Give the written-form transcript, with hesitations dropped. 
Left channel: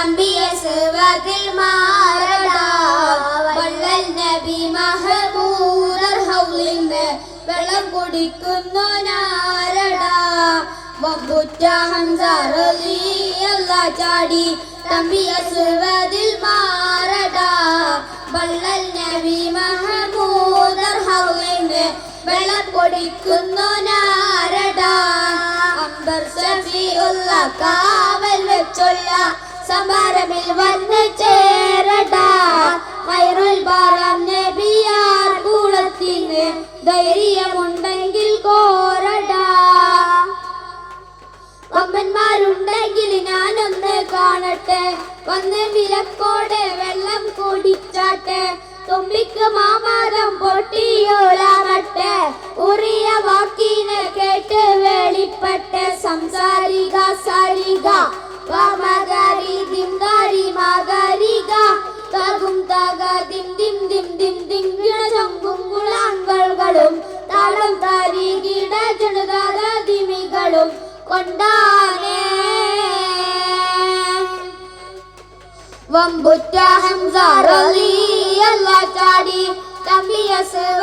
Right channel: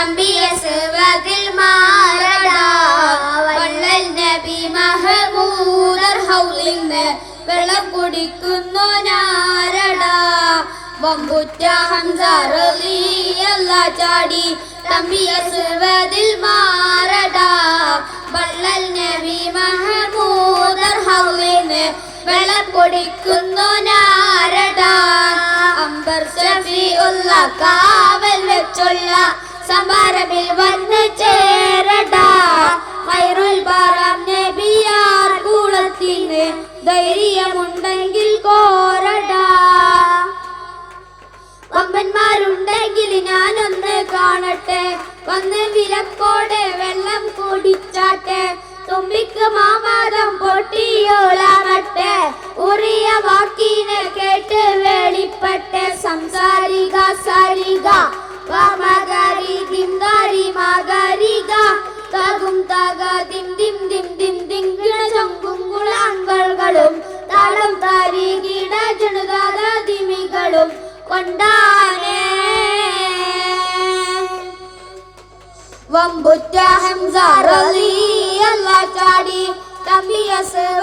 തമ്പിയ സവദിൽ മാറടാ വള്ളൽ നബി മഹമൂദർ ഹൗലിന്ന് വെള്ളം കുടിക്കുന്നു നാരടാ വമ്പുറ്റ ഹംസ റളിയല്ലാഹു ചാടി തമ്പിയ സവദിൽ മാറടാ വള്ളൽ നബി മഹമൂദർ ഹൗലിന്ന് വെള്ളം കുടിക്കുന്നു നാരടാ അംബർ ഷഫീഉള്ള കാവൽ വെച്ചുള്ള സമരമിൽ വന്ന് ചേരടാ ഖൈറുൽ ബറാം നബിയാർ കൂളത്തിന് ധൈര്യമുണ്ടെങ്കിൽ കോരടാ വമ്പന്മാരുണ്ടെങ്കിൽ ഞാനൊന്ന് കാണട്ടെ വന്ന് വിലക്കോടെ വെള്ളം കുടിച്ചാട്ടെ തുമ്പിക്ക് മാമാരം പൊട്ടിയോളാകട്ടെ ഉറിയ വാക്കിനെ കേട്ട് വെളിപ്പെട്ട് സംസാരിക സാരിക മഗരി ദിംഗാരി മഗരിക തകും തക ദിം ദിം ദിം ദിം ദിം ചൊങ്കും കുളാങ്കളും താളം താരികിട ജണുകാര ദിമികളും കൊണ്ടാനേ വമ്പുറ്റ ഹംസ റളിയല്ലാഹു ചാടി തമ്പിയ സവ